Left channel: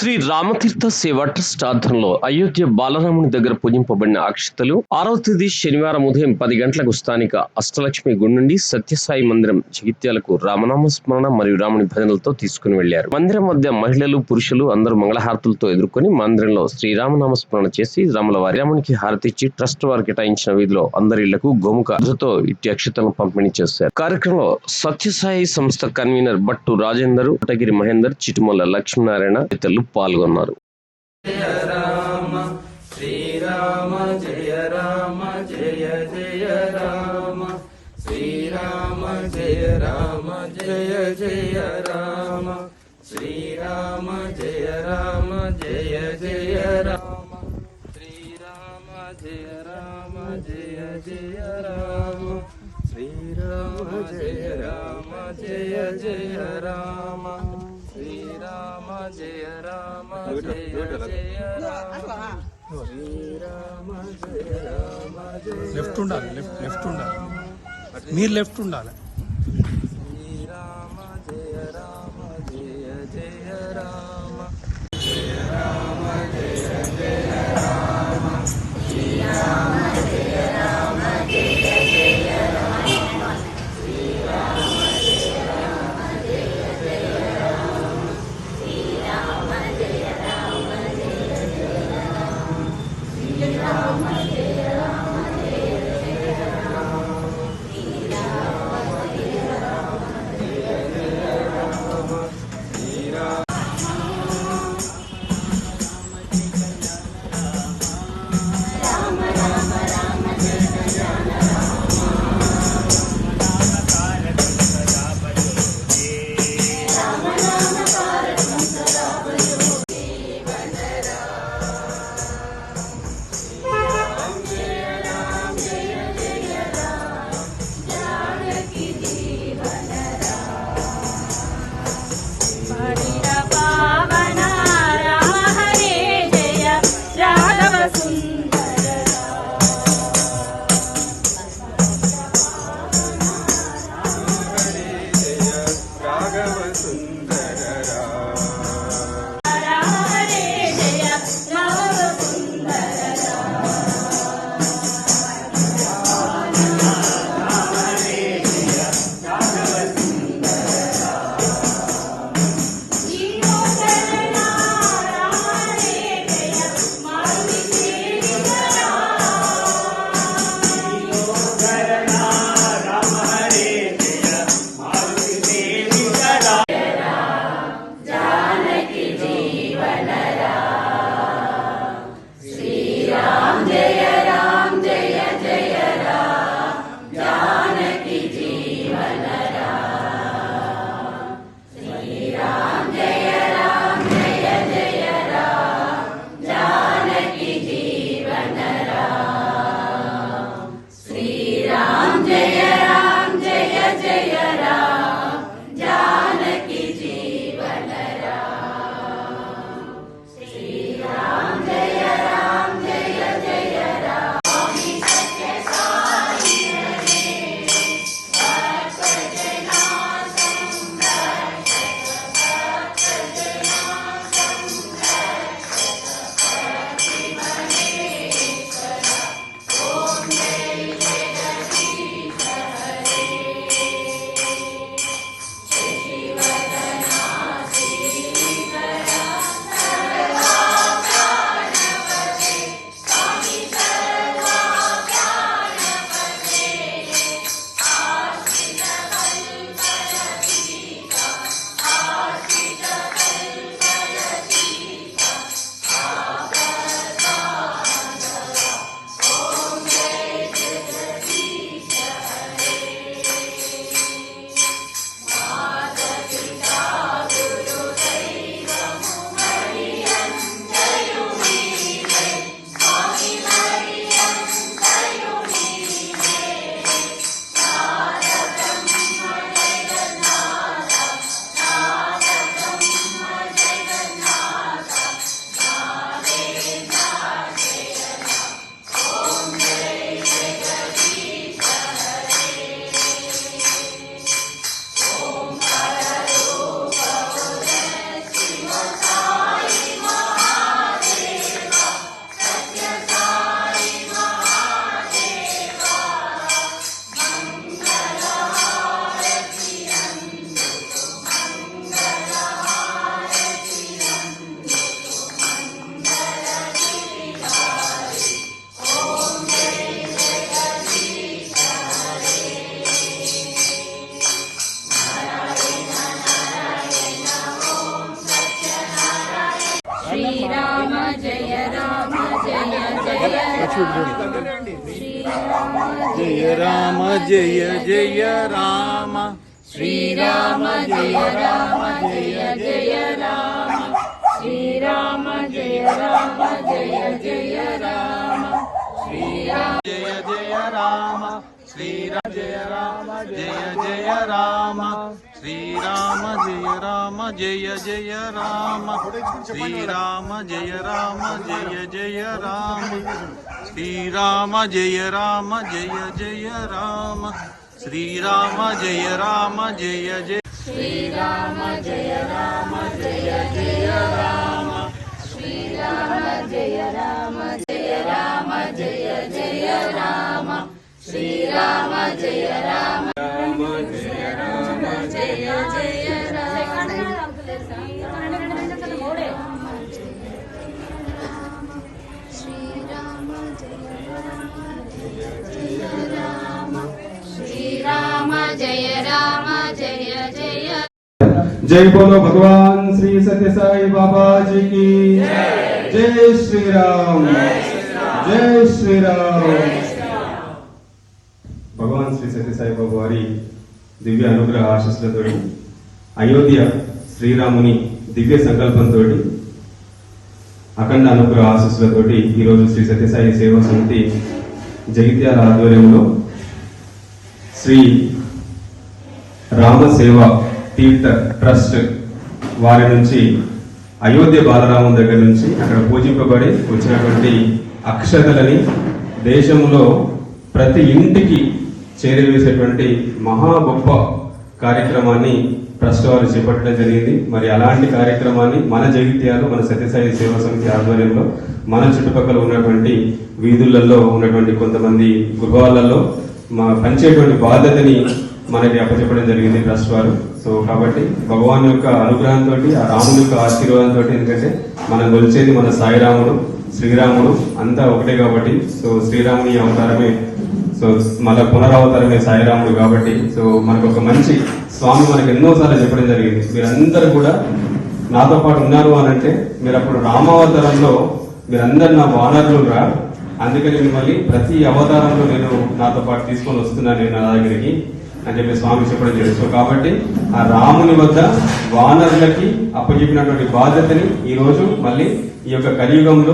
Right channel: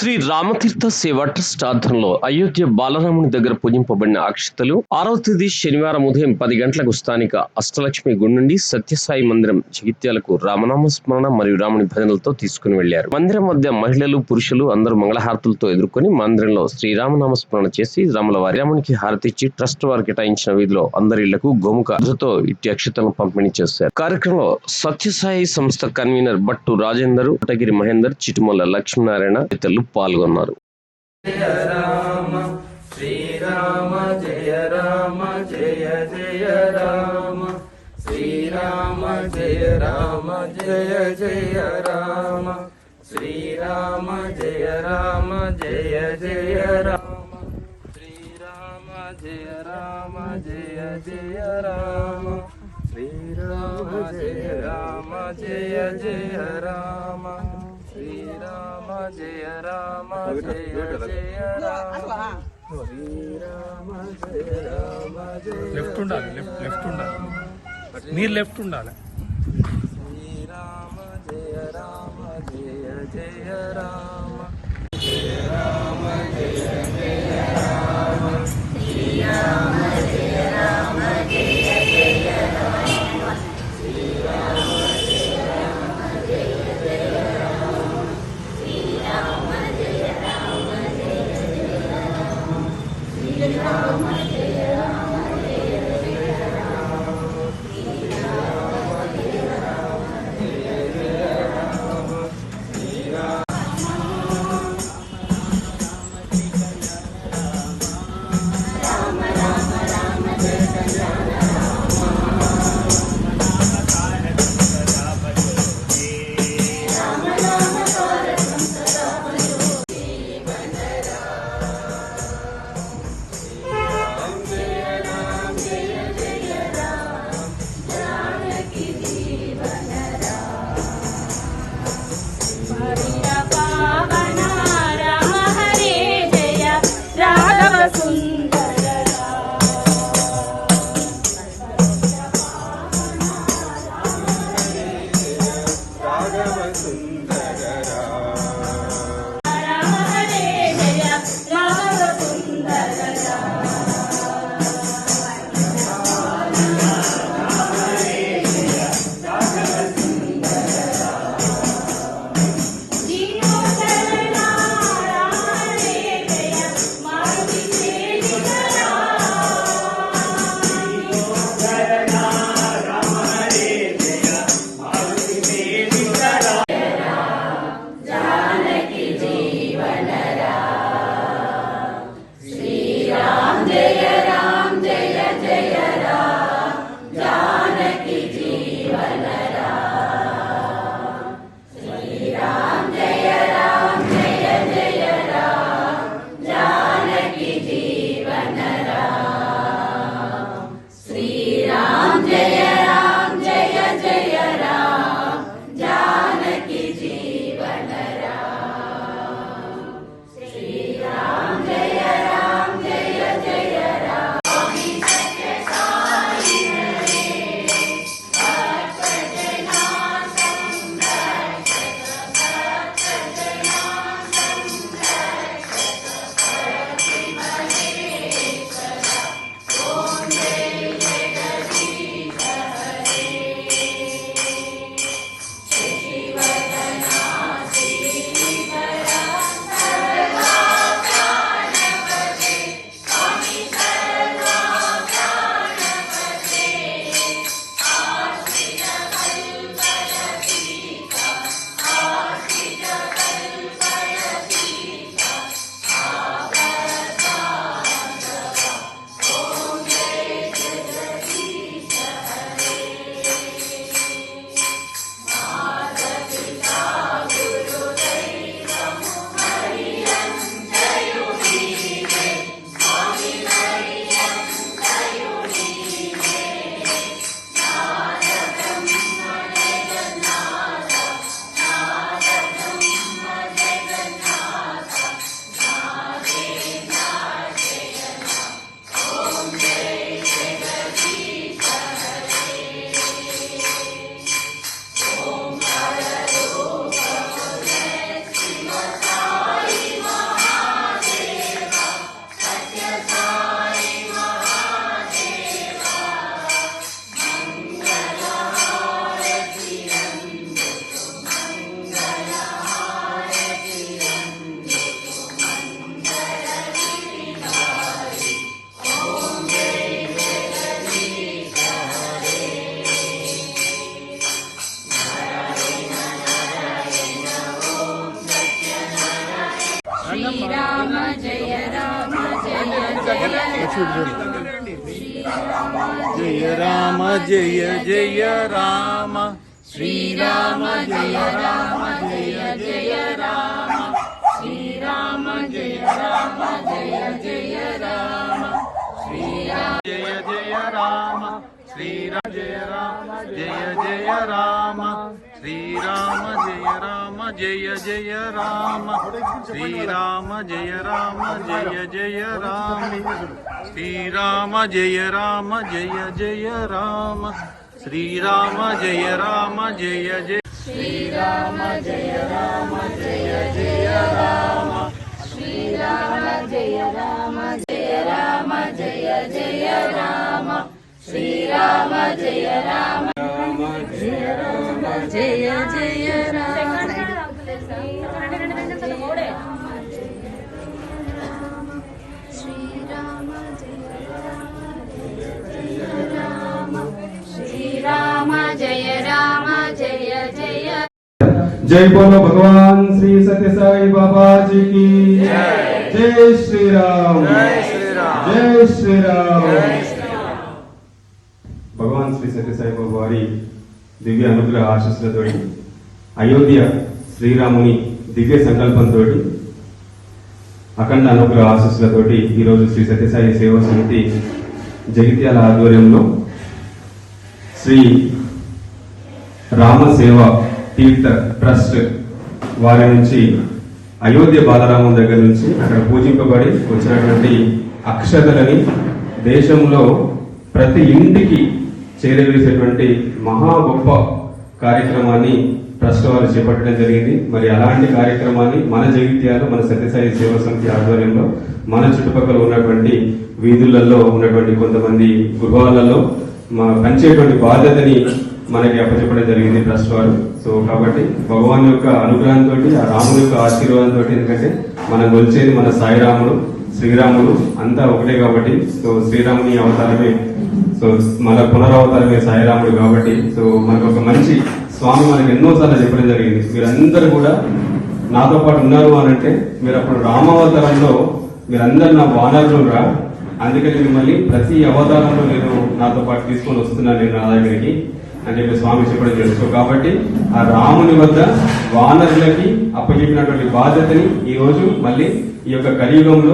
శ్రీ రామతీర్థ సేవా ట్రస్ట్ ఆధ్వర్యంలో అయోధ్య బాలరాముని దగ్గర పూజింపబడిన అక్షతలు 6వ తేదీ శనివారం ఉదయం 10 గంటలకు స్థానిక అష్టలక్ష్మి గుడి నుండి సత్యసాయి మందిరం జగిత్యాలకు రామనామ స్మరణ మరియు రాముని భజనలతో తీసుకుని వెళ్లారు. మందిరం మధ్య మహిళలు పురుషులు అందరూ మంగళహారతులతో ఎదుర్కొని మందిరంలో శ్రీరామనామ స్మరణ చేసి రాముల వారి రామునికి హారతిచ్చి ట్రస్ట్ వారు కేటాయించిన వీధిలో అందరి ఇళ్లకు గోముఖతో ఇట్టి అక్షతలను పంపిణీ చేశారు. కార్యక్రమంలో సత్యసాయి సంస్థ కన్వీనర్ బట్టు రాజేందర్, కోటగిరి మహేందర్, చిటుమల్ల లక్ష్మీనారాయణ తదితరులు పాల్గొన్నారు. జయ రామ శ్రీరామ జయ రామ జయ జయ రామ శ్రీరామ జయ రామ జయ జయ రామ శ్రీరామ జయ రామ జయ జయ రామ శ్రీరామ జయ రామ జయ జయ రామ శ్రీరామ జయ రామ జయ జయ రామ శ్రీరామ జయ రామ జయ జయ రామ శ్రీరామ జయ రామ జయ లెఫ్ట్ ఉండాలి, లెఫ్ట్ ఉండాలి, మీరు లెఫ్ట్ ఉండాలి. శ్రీరామ జయ రామ జయ జయ రామ జయ రామ జయ జయ రామ శ్రీరామ జయ రామ జయ జయ రామ శ్రీరామ జయ రామ జయ జయ రామ శ్రీరామ జయ రామ జయ జయ రామ శ్రీరామ జయ రామ జయ జయ రామ శ్రీరామ జయ రామ జయ జయ రామ శ్రీరామ శ్రీరామ జయ రామ జయ జయ జయ రామ జయ జయ రామ శ్రీరామ జయ రామ జయ జయ రామ శ్రీరామ జయ రామ జయ జయ రామ శ్రీరామ జయ జయ రామ శ్రీరామ జయ రామ జయ జయ రామ శ్రీరామ జయ రామ జయ జయ రామ శ్రీరామ జయ రామ జయ జయ రామ శ్రీరామ జయ రామ జయ జయ రామ శ్రీరామ జయ రామ జయ జయ శ్రీరామ జయ రామ జయ జయ రామ శ్రీరామ జయ రామ జయ రామ జయ జయ రామ శ్రీరామ జయ రామ రామ జయ రామ జయ జయ రామ శ్రీరామ శ్రీరామ జయ రామ జయ జయ जय बोलो भगवान श्री सत्य साई बाबा जी की जय श्री राम जय श्री राम भगवान श्री सत्य साई बाबा वारी दिव्य अनुग्रह आशीस्సులతో అయోధ్య శ్రీరాముని దివ్య సంకల్పంతో అఖండ అనుగ్రహ ఆశీస్సులతో ఈ రోజు శ్రీ సత్యసాయి సేవా సమితి జగిత్యాల ఆధ్వర్యంలో శ్రీ రామ సేవ తీర్థ ట్రస్ట్ వారి నుంచి అయోధ్య బాలరామం దగ్గర నుంచి అక్కడ పూజింపబడి వచ్చినటువంటి అక్షతలని దేశంలో ప్రతి ఇంటికి చేరవేసేటువంటి మహా గొప్ప కార్యక్రమాన్ని ట్రస్ట్ వారు చేపట్టడం జరిగింది. మరి అలాంటి కార్యక్రమాన్ని మన జగిత్యాల మన సత్యసాయి సేవా సమితి ఆధ్వర్యంలో మన చుట్టుపక్కల ఉన్నటువంటి వీధులలో ఉన్నటువంటి కొంతమంది గృహాలలో పంచేటువంటి బాధ్యతని మనకి అప్పచెప్పడం జరిగింది ట్రస్ట్ వారు. సో కాబట్టి భగవాన్ యొక్క అనుగ్రహంతో ఆ రాముని యొక్క ఆశీర్వాదంతో, ఎందుకంటే మనం కొలిచేది మన సాయిరాముడు శ్రీరాముడు అంతా ఒకటే కాబట్టి, సో శ్రీరాముని అవతారమే, సో మన పునరావతారమే సాయిరాముడు కాబట్టి, సో మనకు ఒక మంచి స్వామి మనకు ఎన్నోసార్లు చెప్పడం జరిగింది, మీరందరూ కూడా నాతో పాటు ఉన్నారు అని అంటే మీరు అప్పుడు రామావతారంలో మీరందరూ నా వానరులు రా, అందుకని మిమ్మల్ని ప్రతి అవతారంలో నేను నాతో పాటు తీసుకొని వస్తున్నాను నేను నా దగ్గరికి అని చెప్పి స్వామి చెప్పడం జరిగింది. సో కాబట్టి ఆ రాముని వద్ద వానరులకి అప్పచెప్పినటువంటి బాధ్యతని ఈ రోజు మళ్ళీ ఈ యొక్క కలియుగంలో